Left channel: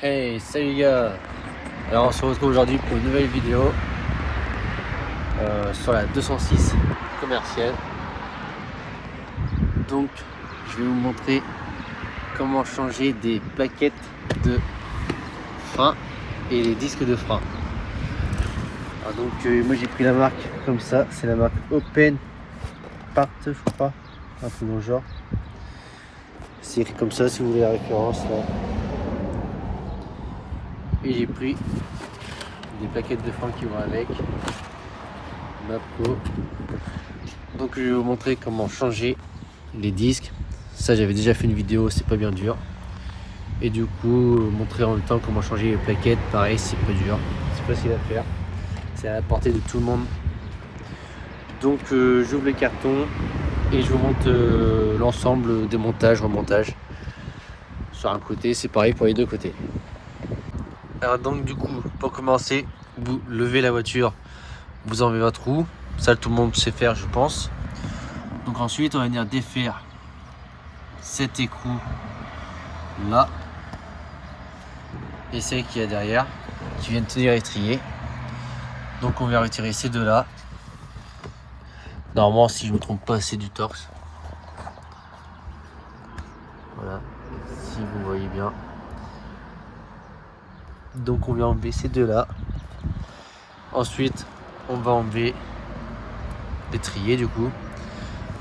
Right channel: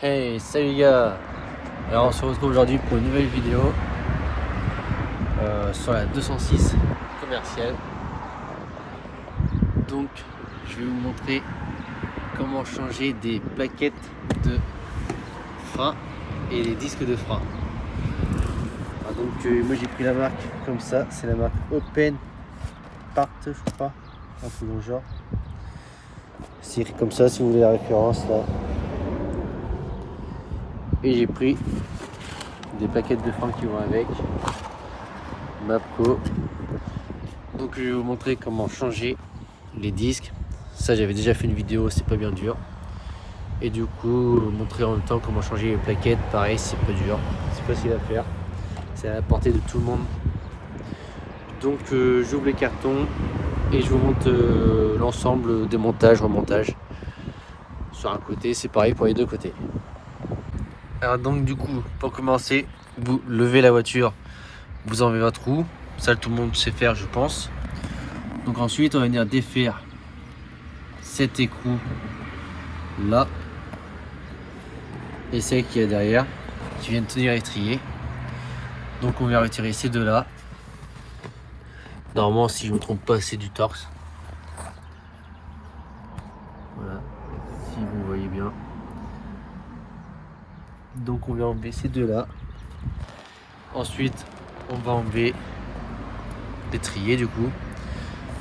Hey, salut les gars. Alors on se retrouve aujourd'hui pour une nouvelle vidéo sur la 206 commerciale. Donc je vais vous montrer comment changer des plaquettes de frein et les disques de frein. Alors donc moi j'ai pris la marque comme ça, c'est la marque Open Part je crois, un peu dans le genre. C'est écrit comme ça si vous voulez la référence là. Et j'ai pris des plaquettes de frein qui vont avec. Mapco. Donc je vais vous montrer comment changer les disques. Ça j'avais déjà fait une vidéo, c'est pas bien dur. Et du coup montrer en même temps comment changer les plaquettes, pareil c'est pas dur, c'est facile à faire, c'est à la portée de tout le monde. Donc j'ouvre les cartons et je vous montre l'ensemble, démontage, remontage. Sur un côté, c'est pareil pour les deux côtés. Alors donc du coup, pour commencer, vous levez la voiture, vous enlevez votre roue, ça tout le monde sait faire je pense. Donc ensuite on va venir défaire cet écrou là et celle qu'il y a derrière qui viennent tenir l'étrier. Donc on va retirer ces deux là. Normalement si je ne me trompe pas c'est du torx. Voilà, si vous voyez bien. Donc on va enlever ces deux là. Ensuite on va enlever l'étrier du coup.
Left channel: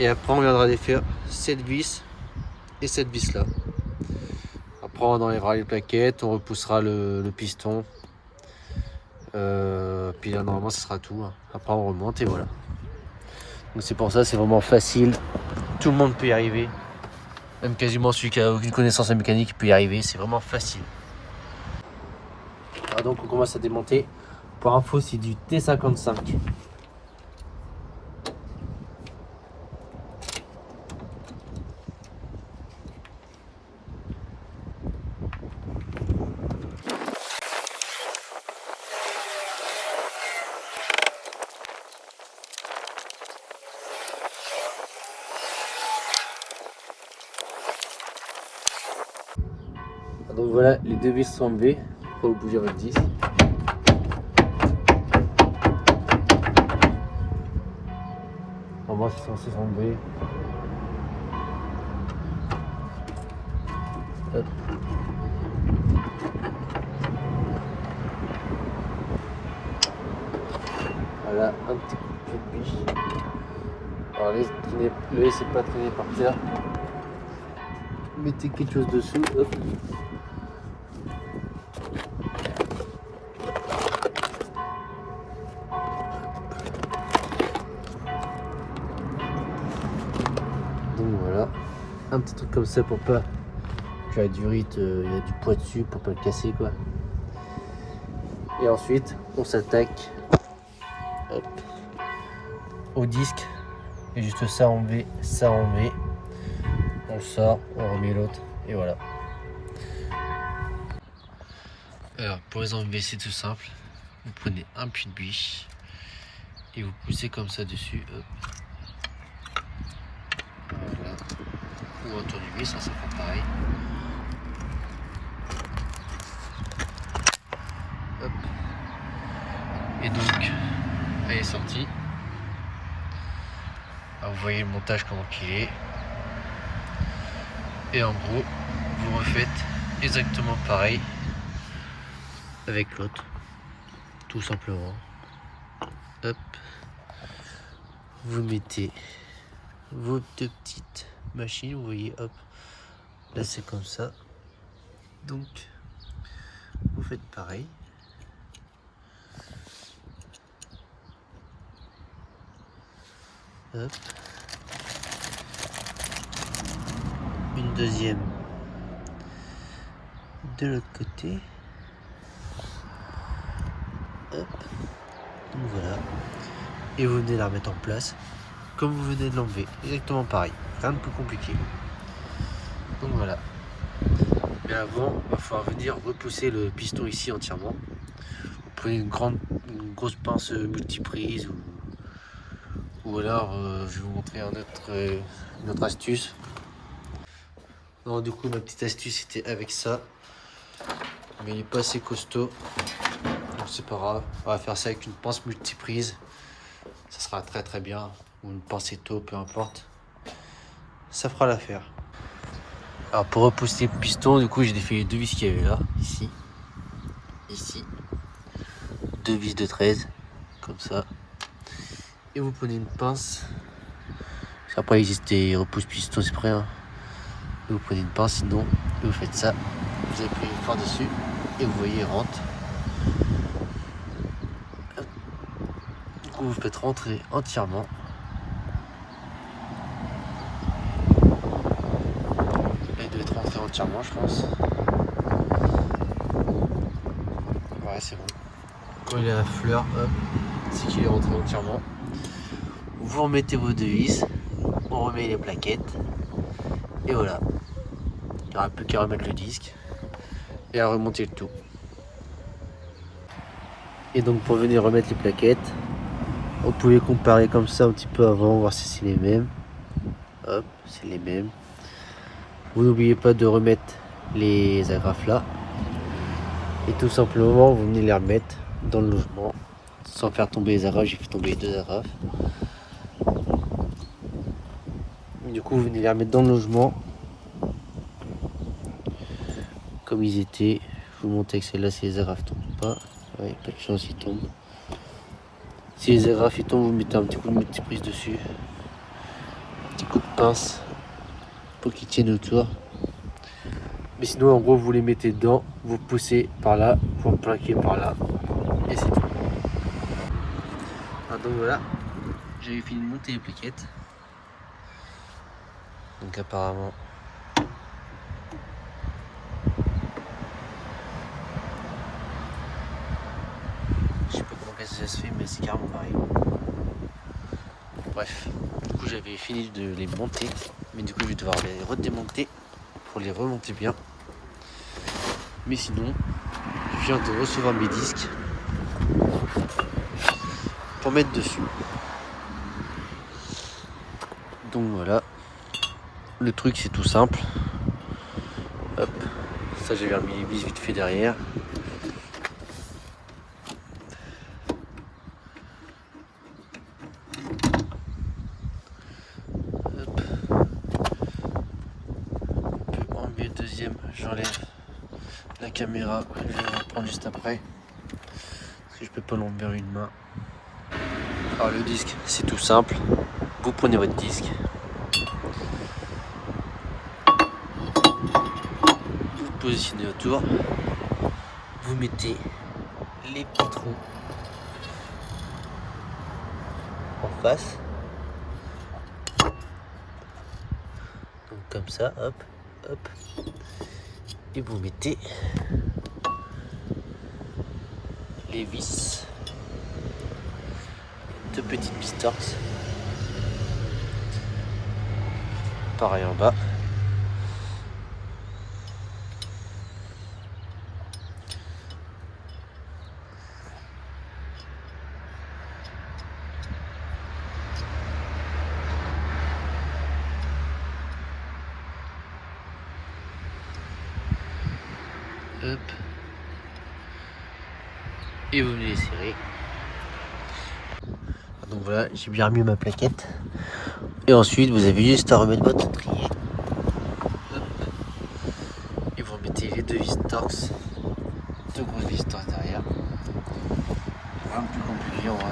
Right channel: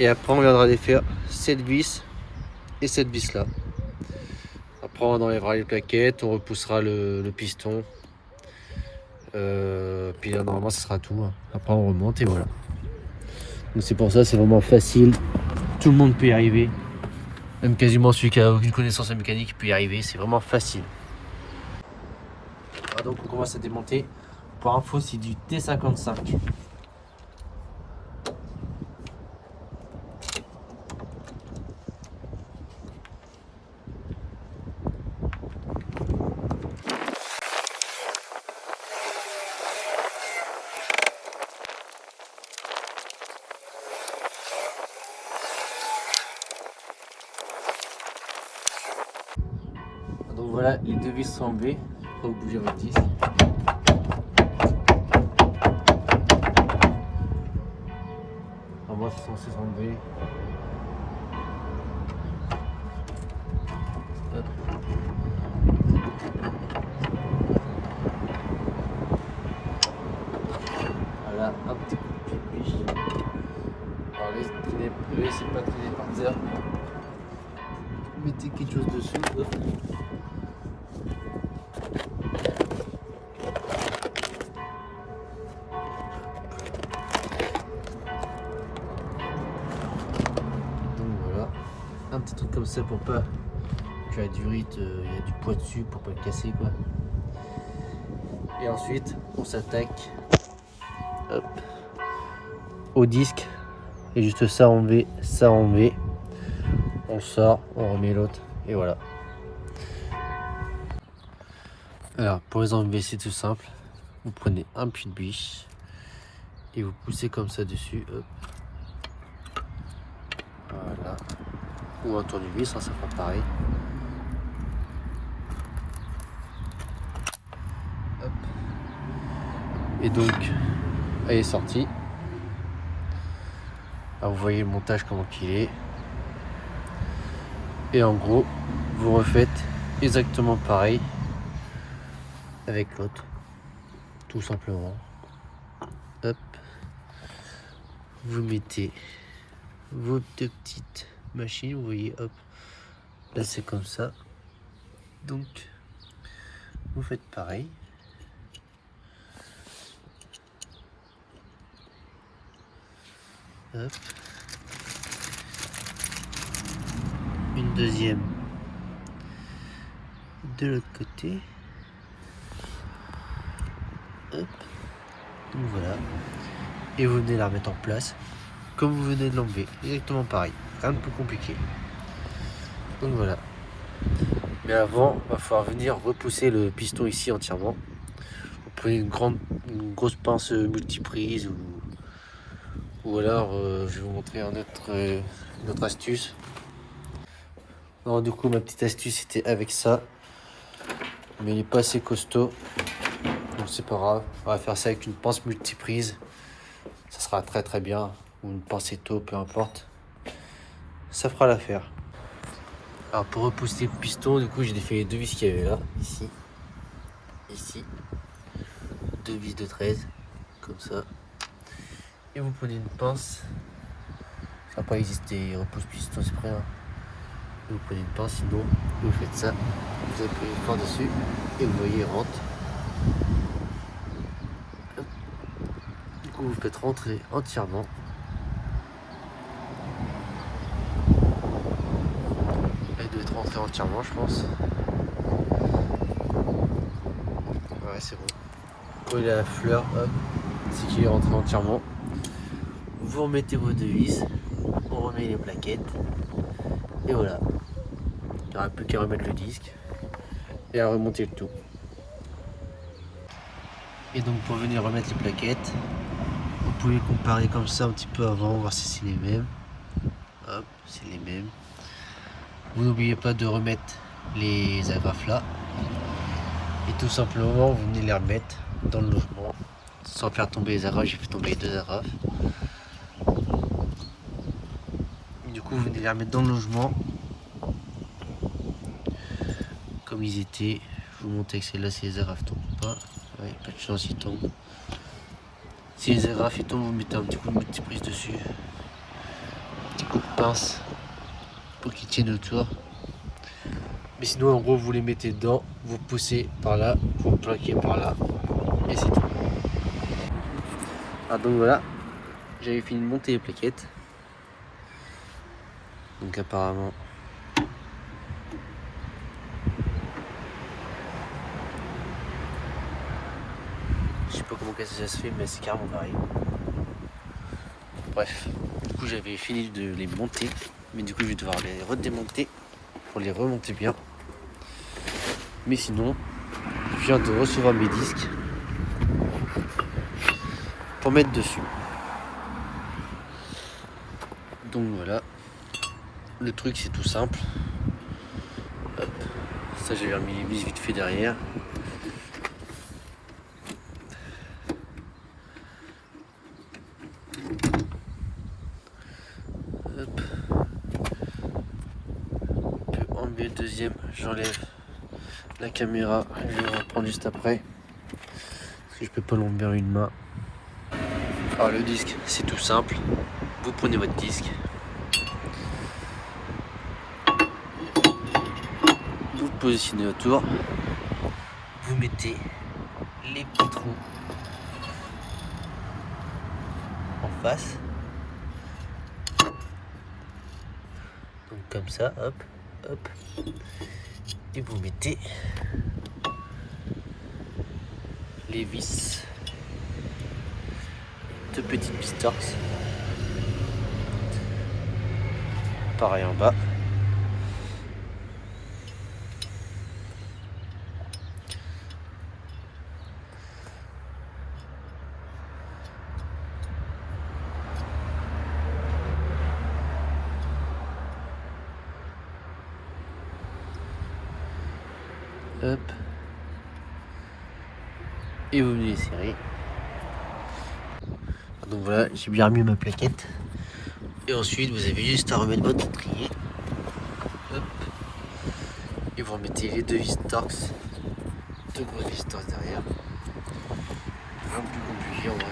Et après on viendra défaire cette vis et cette vis là. Après on enlèvera les plaquettes, on repoussera le piston. Puis là normalement ça sera tout. Après on remonte et voilà. Donc c'est pour ça c'est vraiment facile. Tout le monde peut y arriver. Même quasiment celui qui a aucune connaissance en mécanique peut y arriver. C'est vraiment facile. Alors donc on commence à démonter. Pour info c'est du T55. Donc voilà, les deux vis sont enlevées. Faut pas bouger votre disque. Normalement c'est censé s'enlever. Hop. Voilà, un petit coup de pied de biche. Alors le laissez pas traîner par terre. Mettez quelque chose dessous. Hop. Donc voilà, un petit truc comme ça pour pas que la durite, il y a du poids dessus pour pas le casser quoi. Et ensuite on s'attaque au disque et juste ça enlever, ça enlever. On sort, on remet l'autre et voilà. Alors pour les enlever c'est tout simple. Vous prenez un puits de biche et vous poussez comme ça dessus. Hop. Voilà. Ou autour du vis, ça fera pareil. Hop. Et donc elle est sortie. Alors, vous voyez le montage comment qu'il est. Et en gros vous refaites exactement pareil avec l'autre, tout simplement. Hop, vous mettez vos deux petites machines, vous voyez, hop, là c'est comme ça. Donc vous faites pareil. Hop. Une deuxième de l'autre côté. Hop. Donc voilà. Et vous venez la remettre en place comme vous venez de l'enlever. Exactement pareil. Rien de plus compliqué. Donc voilà. Mais avant, il va falloir venir repousser le piston ici entièrement. Vous prenez une grosse pince multiprise ou alors je vais vous montrer une autre astuce. Alors du coup ma petite astuce c'était avec ça. mais il est pas assez costaud. Donc c'est pas grave. On va faire ça avec une pince multiprise. Ça sera très très bien. Ou une pince étau, peu importe. Ça fera l'affaire. Alors pour repousser le piston, du coup j'ai défait les deux vis qu'il y avait là. Ici. 2 vis de 13. Comme ça. Et vous prenez une pince. Parce qu'après il existe des repousse piston, c'est prêt. Hein. Vous prenez une pince, sinon vous faites ça. Vous appuyez fort dessus. Et vous voyez, il rentre. Du coup vous faites rentrer entièrement. Là il doit être rentré entièrement, je pense. Ouais, c'est bon. Quand il est à la fleur, hop, c'est qu'il est rentré entièrement. Vous remettez vos deux vis, on remet les plaquettes, et voilà. Il n'y aura plus qu'à remettre le disque et à remonter le tout. Et donc pour venir remettre les plaquettes, vous pouvez comparer comme ça un petit peu avant, voir si c'est les mêmes. Hop, c'est les mêmes. Vous n'oubliez pas de remettre les agrafes là. Et tout simplement, vous venez les remettre dans le logement. Sans faire tomber les agrafes, j'ai fait tomber les deux agrafes. Du coup, vous venez les remettre dans le logement. Comme ils étaient. Je vous montre que celle-là, si les agrafes tombent pas. Ouais, pas de chance, ils tombent. Si les agrafes ils tombent, vous mettez un petit coup de multiprise dessus. Un petit coup de pince pour qu'ils tiennent autour. Mais sinon, en gros, vous les mettez dedans, vous poussez par là, vous plaquez par là. Et c'est tout. Ah, donc voilà, j'avais fini de monter les plaquettes. Donc apparemment, je sais pas comment ça se fait, mais c'est carrément pareil. Bref, du coup j'avais fini de les monter, mais du coup je vais devoir les redémonter pour les remonter bien. Mais sinon, je viens de recevoir mes disques pour mettre dessus. Donc voilà, le truc c'est tout simple. Hop, ça j'ai remis les vis vite fait derrière. Hop. On peut enlever le deuxième, j'enlève la caméra, je vais reprendre juste après. Parce que je peux pas l'enlever une main. Alors le disque c'est tout simple. Vous prenez votre disque. Vous le positionnez autour. Vous mettez les petits trous en face. Donc comme ça, hop, hop. Et vous mettez les vis. Deux petites vis torses. Pareil en bas. Hop. Et vous venez les serrer. Donc voilà, j'ai bien remis ma plaquette. Et ensuite, vous avez juste à remettre votre étrier. Hop. Et vous remettez les deux vis torses. Deux grosses vis torses derrière. Un peu compliqué en vrai.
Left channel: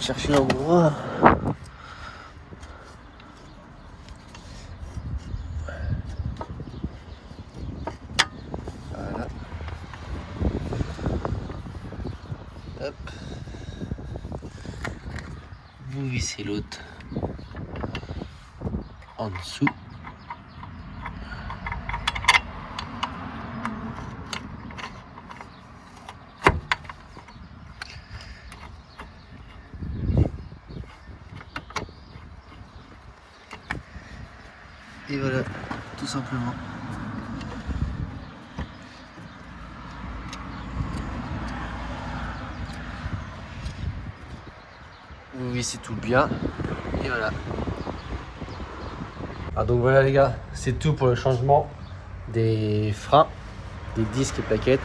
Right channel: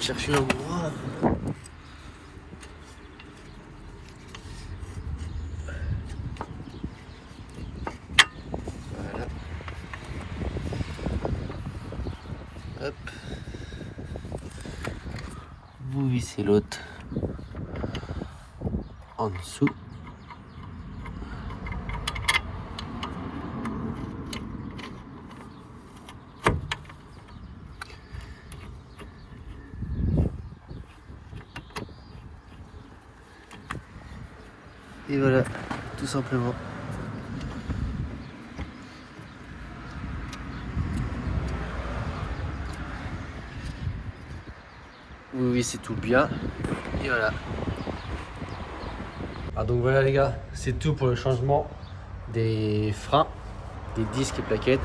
Cherchez l'endroit. Voilà. Hop. Vous vissez l'autre en dessous. Et voilà, tout simplement. Vous vissez tout bien. Et voilà. Ah, donc voilà les gars, c'est tout pour le changement des freins, des disques et plaquettes.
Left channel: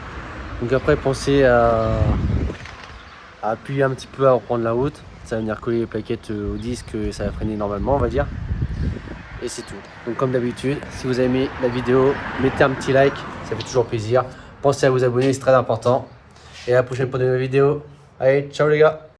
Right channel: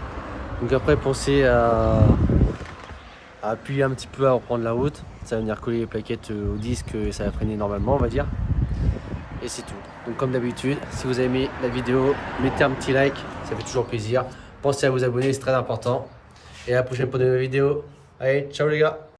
Donc après pensez à appuyer un petit peu à reprendre la route. Ça va venir coller les plaquettes au disque et ça va freiner normalement on va dire. Et c'est tout. Donc comme d'habitude, si vous avez aimé la vidéo, mettez un petit like, ça fait toujours plaisir. Pensez à vous abonner, c'est très important. Et à la prochaine pour de nouvelles vidéos. Allez, ciao les gars!